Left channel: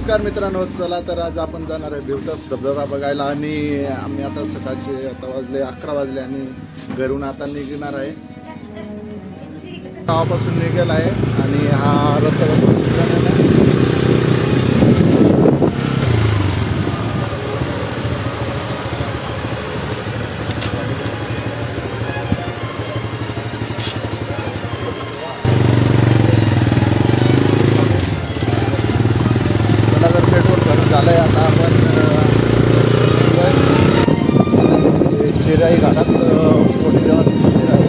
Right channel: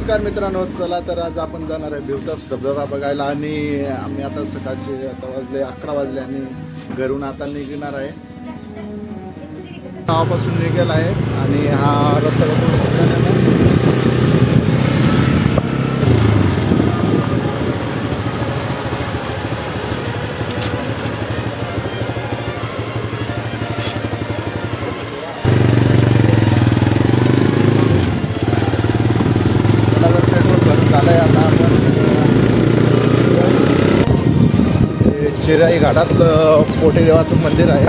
नमस्कार मित्रांनो, चला तर आज आपण जाणार आहे भिवतास धबधबा बघायला आणि आम्ही आता सकाळचे आता वाजले 11 वाजले आणि घरून आता निघणार आहे. गावापासून निघाला आहे आणि हा रस्ता झालंय. आता आपण चिराई घाटातलं पोटेदेवाचं मंदिर आहे.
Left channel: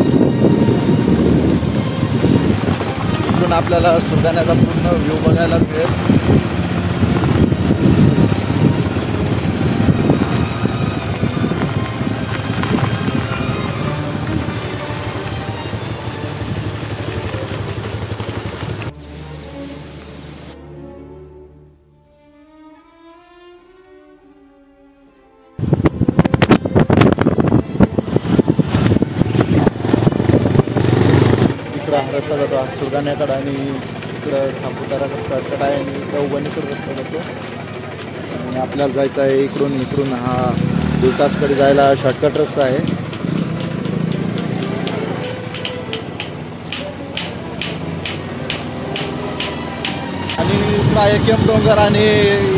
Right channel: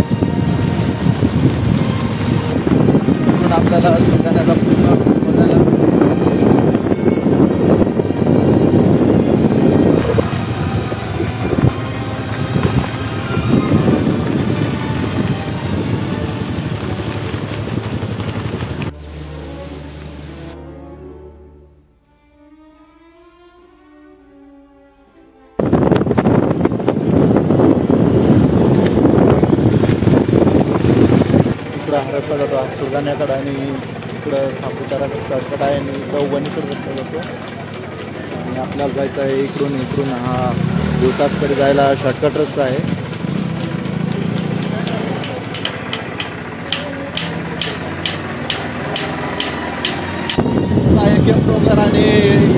तिथून आपल्याला सुलतानाचा पूर्ण व्ह्यू बघायला मिळेल. हा रस्ता जातो सुरगाण्याकडं आणि इकडं सापुताराकडं शॉर्टकट आहे आणि इकडं वणीकडं रस्ता जातो आणि आपल्याला जायचं आहे इकडून हा भिवतासकडे जायला शॉर्टकट रस्ता आहे. आणि एकेम डोंगर आणि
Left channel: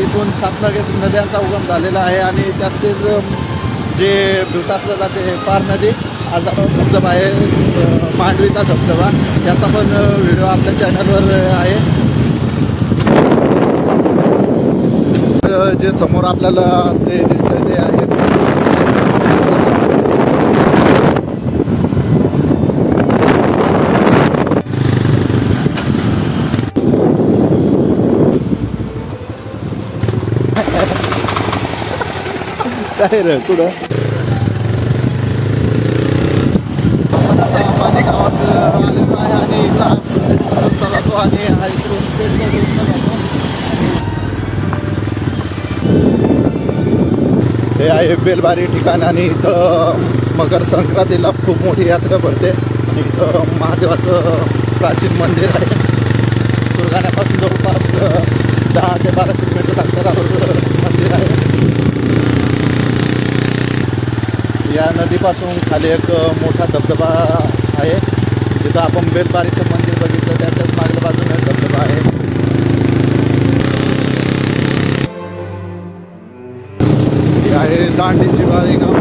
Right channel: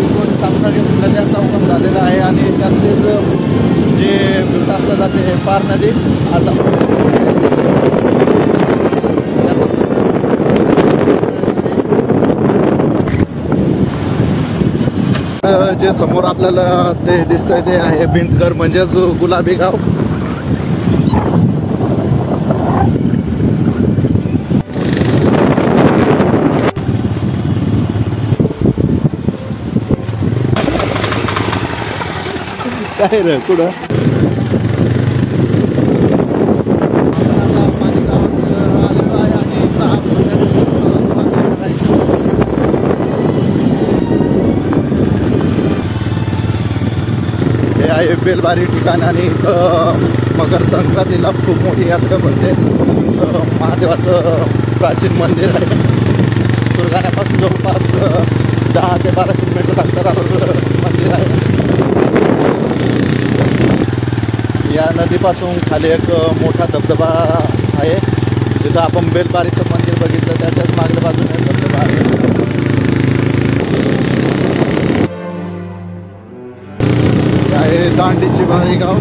इथून 7 नद्यांचा उगम झालेला आहे आणि त्यातलेच जे भिवतासला जाते हे पार नदी आता पण आहे पांढरीचा धबधबा, याचा पण व्हिडिओ आपल्या चॅनलवर आहे. जे समोर आपल्याला ते दिसतंय ते आहे भिंडघर म्हणजेच गुलाबी गाव. काय रे कुठं आलेलो आहे आणि इकडं हा सुरगाण्याचा रस्ता जातो आणि हा हे आहे बेलबारी ठिकाण आणि इथं मकर संक्रांतीला खूप मोठी यात्रा भरते. इथं महादेवाचं प्राचीन मंदिर आहे. सुरगाण्यापासून जवळपास 10 ते 12 किलोमीटर अंतरावर मंदिर आहे. या नदीपासून खाली एक मोठा धबधबा आहे. जिथं आपण बेलबारीचं मंदिर बघितलं त्याच्याच मागल्या बाजूने धबधबा आहे. दांडीची बारी गाव.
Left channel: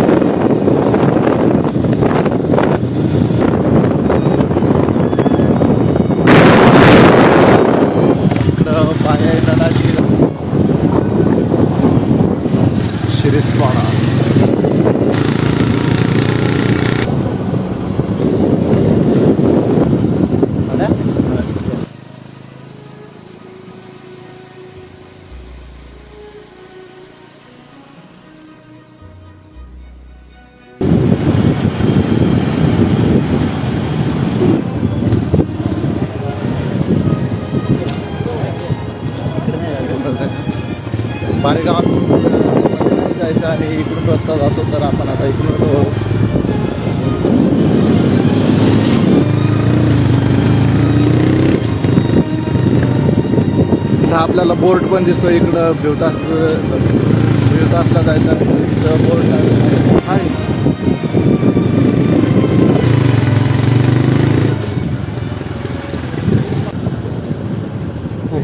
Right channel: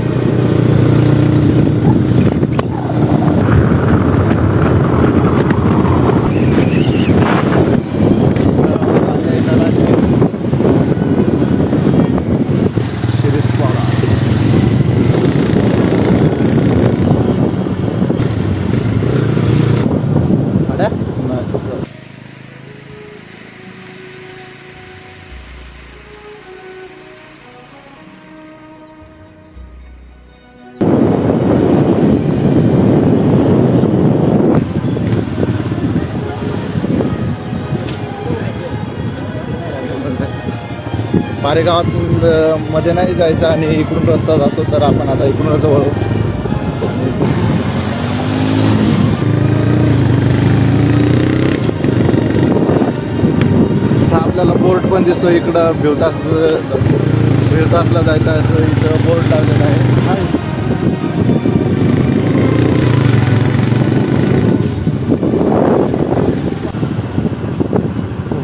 आहे नदाची शिरीसपाडा. बारेगावात मध्ये नाही जायचं आणि इकडून रस्ता जातो तर आपण आता इकडूनच वळू. इथं आपल्याला बोर्ड पण दिसतो. इकडं भिवतासला जायचं असं इथं बोर्ड लागलेला आहे.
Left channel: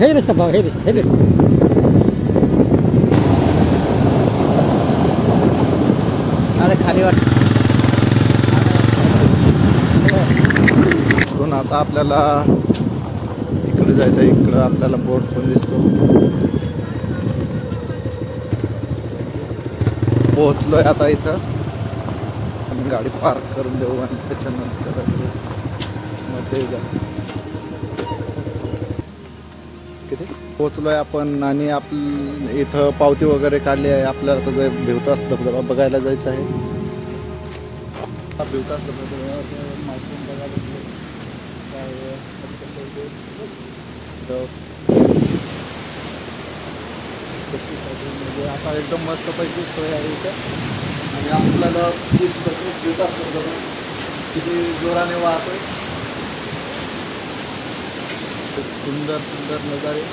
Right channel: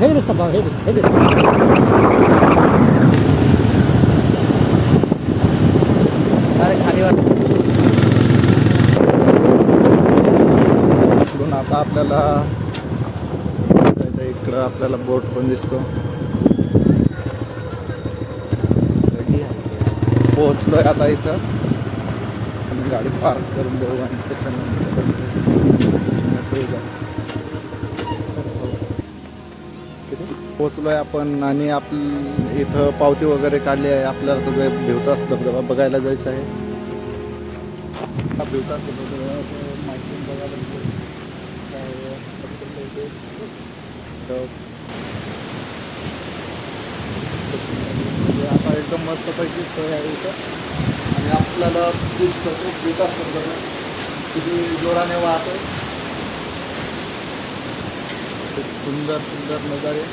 हे रस्ता भाव हे खाली वाटून आता आपल्याला इकडे जायचं. इकडं आपल्याला बोर्ड पण दिसतो. पोहोचलोय आता इथं. आम्ही गाडी पार्क करून देऊ आणि त्याच्यानंतर पोहोचलोय आपण आणि इथं पावती वगैरे काढली आहे. आपल्याला आता भिवतास धबधबा बघायला जायचं आहे. भिवतास धबधबा माहिती बघायला आता एकदम मस्तपैकी सोय आहे इथं आणि आपल्याला भिवतास धबधबा किती जोराने वाहतोय. सुंदर सुंदर नजारे.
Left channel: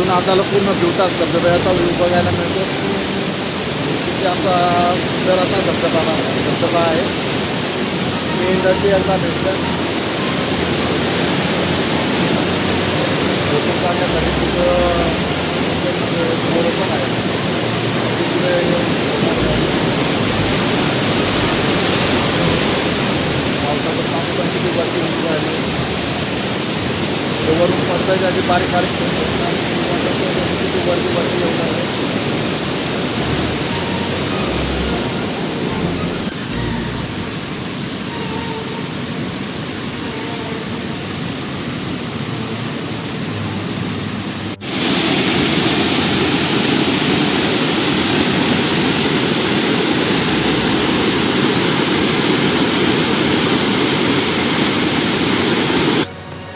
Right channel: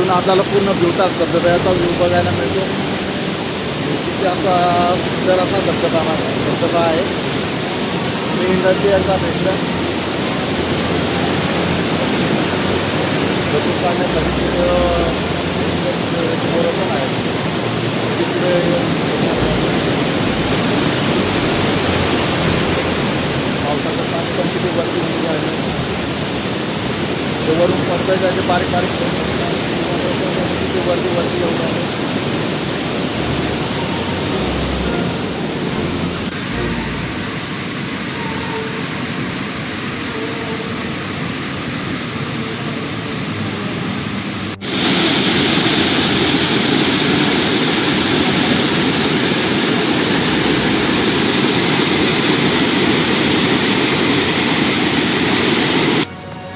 इथून आपल्याला पूर्ण भिवताच धबधब्याचा व्ह्यू बघायला मिळतो. तिथे असा सुंदर असा धबधबा आहे. मी नदी एकदा भेटलं फोटो काढण्यासाठी. तिथं समोर पण आहे. तिकडे पावसाचं पाणी पण किती वरती उडून राहिलं. ते वरून पडतं त्याचे बारीक बारीक किती वरती येऊन राहिले.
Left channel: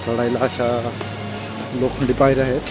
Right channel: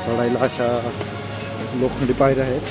चढायला अशा लोखंडी पायऱ्या आहेत.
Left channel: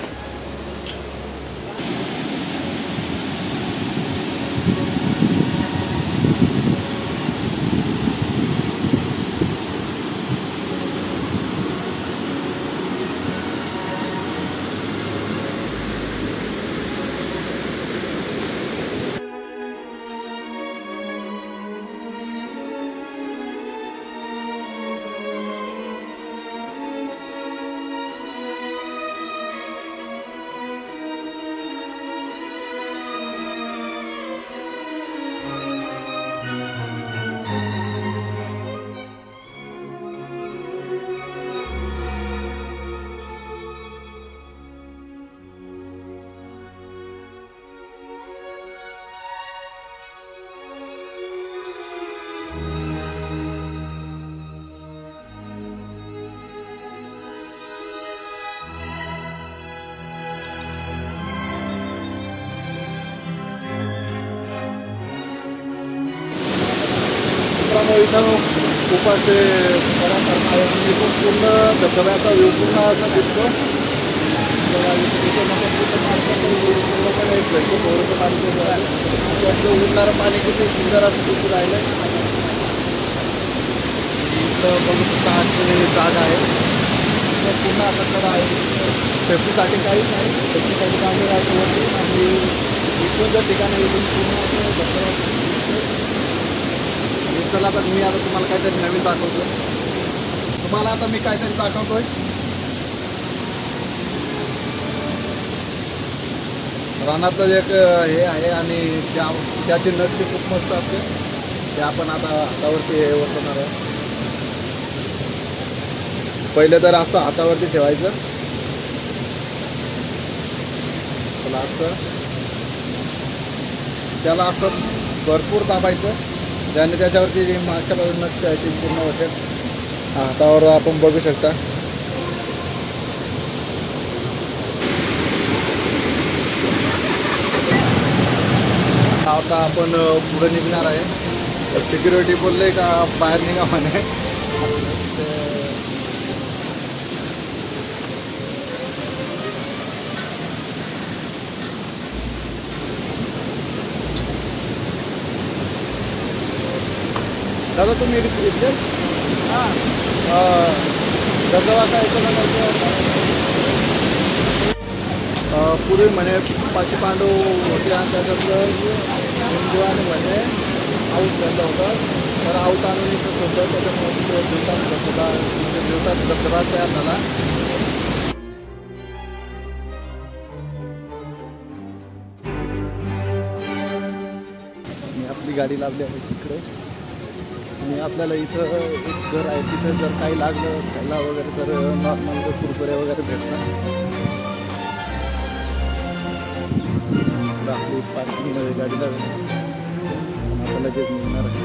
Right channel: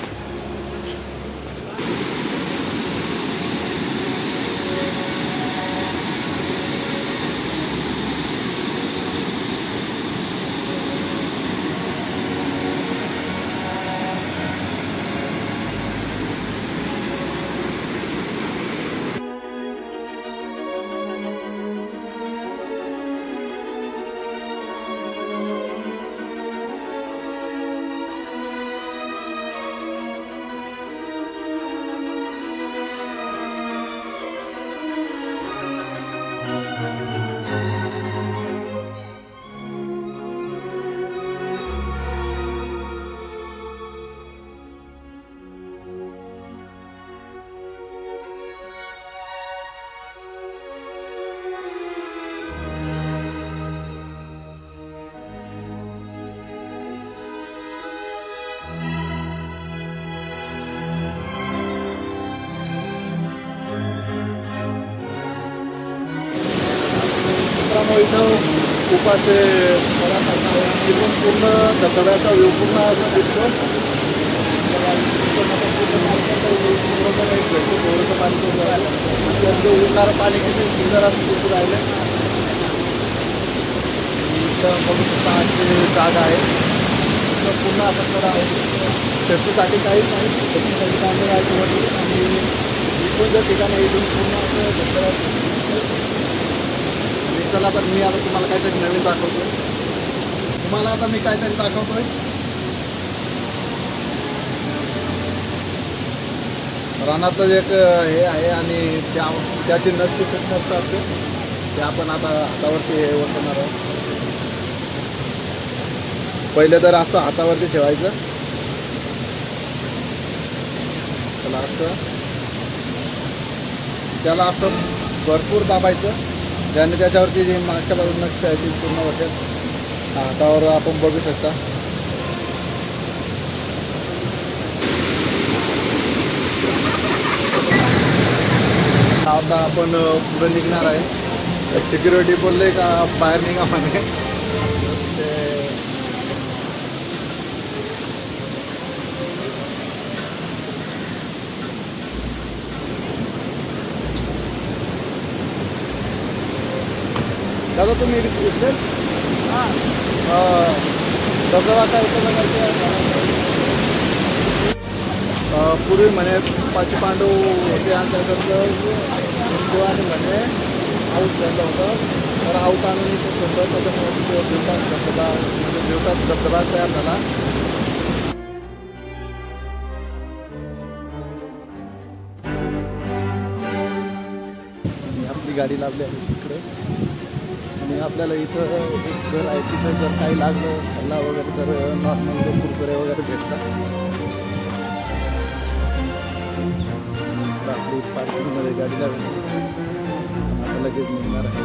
इथं खूप असे बऱ्यासारखं आहे आणि इथून पूर्ण धबधब्याचा व्ह्यू पूर्ण असा दिसतो. पूर्णपणे एक भेटतो थोडंसं पाणी त्यांचं उडणारं पाणी किती सुंदर असं दिसून राहिलं. इथं बघू शकता अशी जागा आहे. इथं पूर्ण असा कडा आहे. सेफ्टीसाठी काहीच नाही. सेफ्टीसाठी काढले राहायचं वरती आणि इथून जर ठिकाण आहे इथून पूर्ण असं धबधबा. चला तर मी आता तुम्हाला काहीतरी नवीन दाखवतोय. आता मी काहीतरी दाखवतोय. रानातलं एक हे आहे आणि त्याची नक्षी खूप मस्त असते. ते आपण आता हातावरती हे वरतणार आहे. पहिले तर असं हातावरती ठेवायचं. चला असं त्याला असं भरपूर दाबायचं. ज्याने त्याच्यावरती जी मागच्या बाजूला नक्षी आहे ती पूर्ण वाटेल. हातावर आपण बघू शकता. आता आपण पुढे निघणार आहे. सिक्युरिटी बोलले का बाहेर निघा म्हणे. दादा तुम्ही इथले धबधबा काय इथं बघायचं. पूर्वी म्हणे 5 पांडव होते आणि त्याच्यातलं हिंदुवाने म्हणे आऊत झालं होतं. तर आऊत आणून इथं होतं. त्याच्यामुळे भिवताच धबधबा म्हणजे भिवताच धबधबा तयार झाला. मी आपली गाडी लावली आहे तिकडे आणि आपल्याला इथं एक घर आहे. तिथं जर काही लागलं खायला वगैरे तर नॉर्मल कुरकुरे वगैरे भेटतात. आपली पार्किंगमध्ये गाडी लावली आणि आता लगेच निघणार आहे.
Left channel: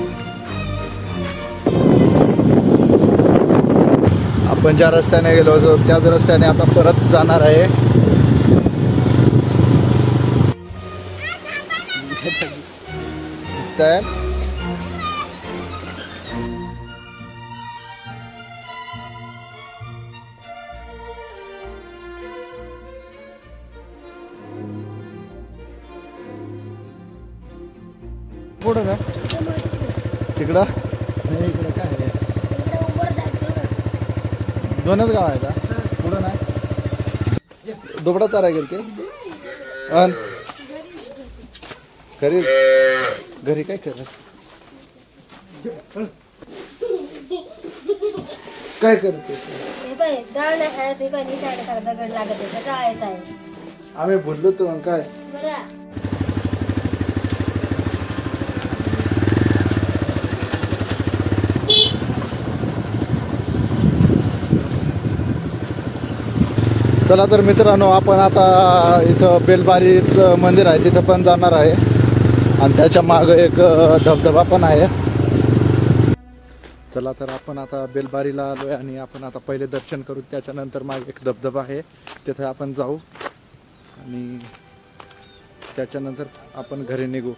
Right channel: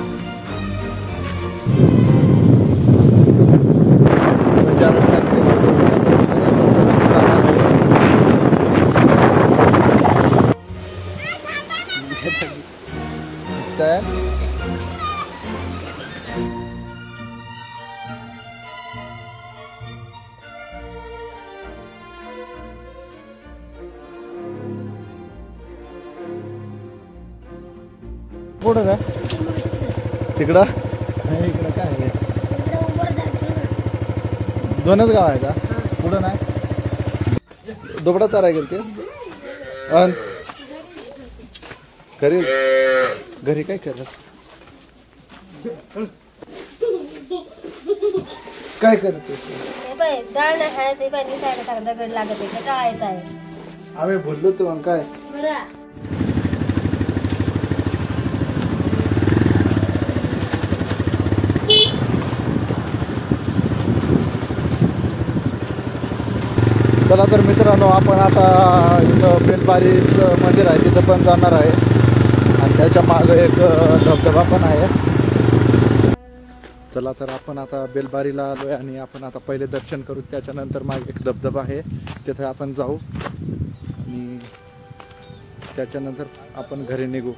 आपण ज्या रस्त्याने गेलो होतो त्याच रस्त्याने आपण परत जाणार आहे. पुढं काय तिकडं नाही. इकडं काय आहे. दोनच गाव आहे का. पुढं नाही. दुबडा चाराय गेलतेस अन घरी घरी काय करस काय करतेस डाळ ना खाय ते पाणी दगड लागत आहे काय आहे आम्ही बोललो तू काय चला तर मित्रांनो आपण आता इथं बेलबारीचं मंदिर आहे तिथं पण जाणार आहे आणि त्याच्या मागे एक धबधबा पण आहे. चला तर आपण आता बेलबारीला आलोय आणि आपण आता पहिले दर्शन करू त्याच्यानंतर मागे एक धबधबा आहे तिथे आपण जाऊ आणि त्याच्यानंतर आपण घरी निघू.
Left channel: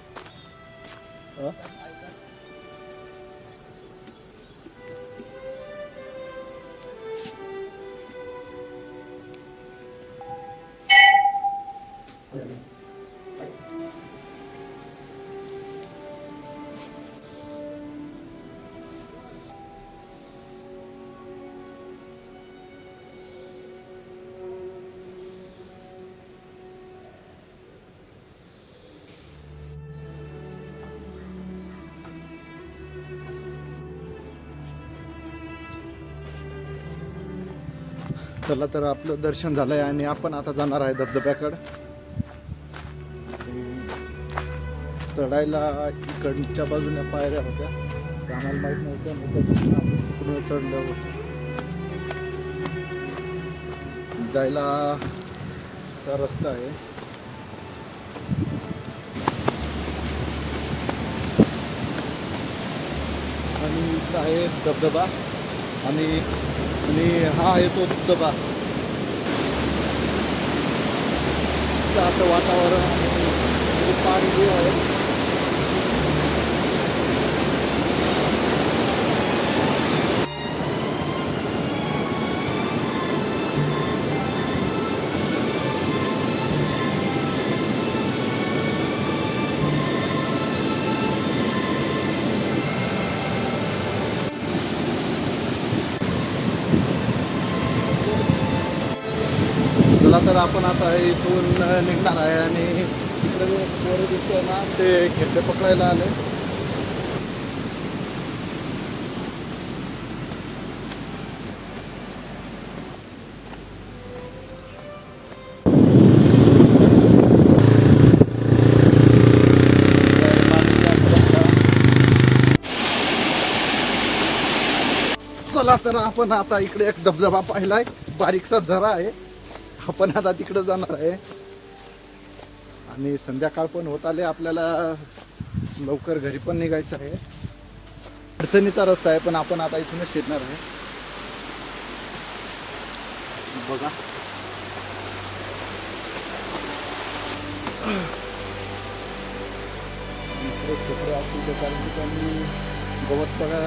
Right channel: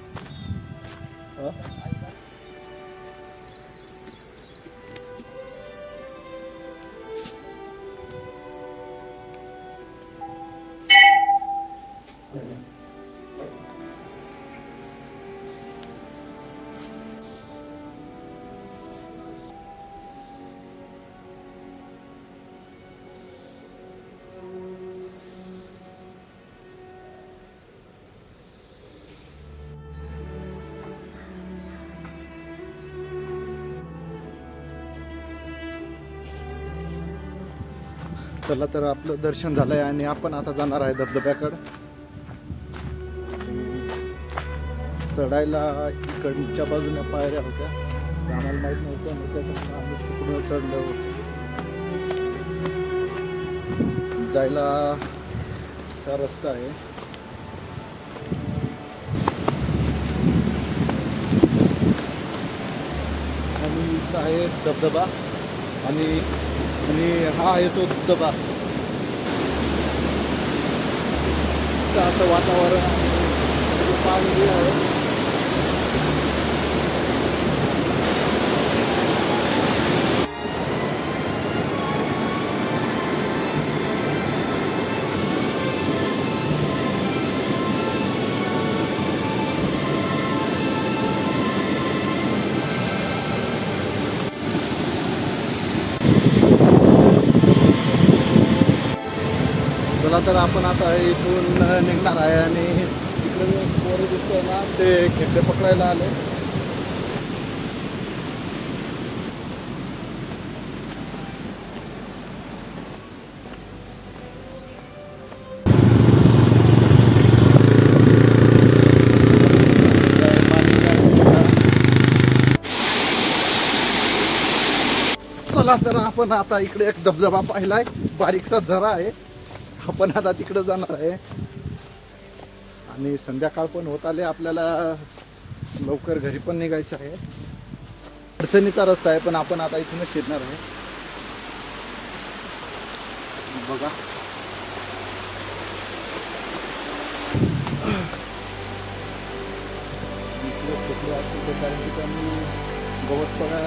चला तर आपलं दर्शन झालंय आणि आपण आता जाणार आहे धबधब्याकडं. चढायला इकडच्या बाजूने पायऱ्या होत्या त्या आम्हाला माहित नव्हत्या त्याच्यातून आम्ही तिकडून चढलो होतो. जायला असा रस्ता आहे. आणि इथं आहे धबधबा आणि हा आहे तो धबधबा. असं वातावरण आणि पाणी आहे. चला तर आपण आता इथून निघणार आहे आणि तिकडे पोरं दिसतोय ना ते खेकडे पकडायला आले. चला तर आपण आता इकडे एक धबधबा पाहिलाय बारीकसा झरा आहे. आपण आता तिकडे जाणार आहे आणि संध्याकाळ पण होत आले आपल्याला लवकर घरी पण निघायचं आहे. अडचणीचा रस्ता आहे पण आपण आता इथूनच शिरणार आहे. बघा इकडे छोटे असतील कारण की त्यांनी गवत बघा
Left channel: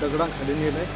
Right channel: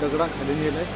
दगडाखाली नेलंय.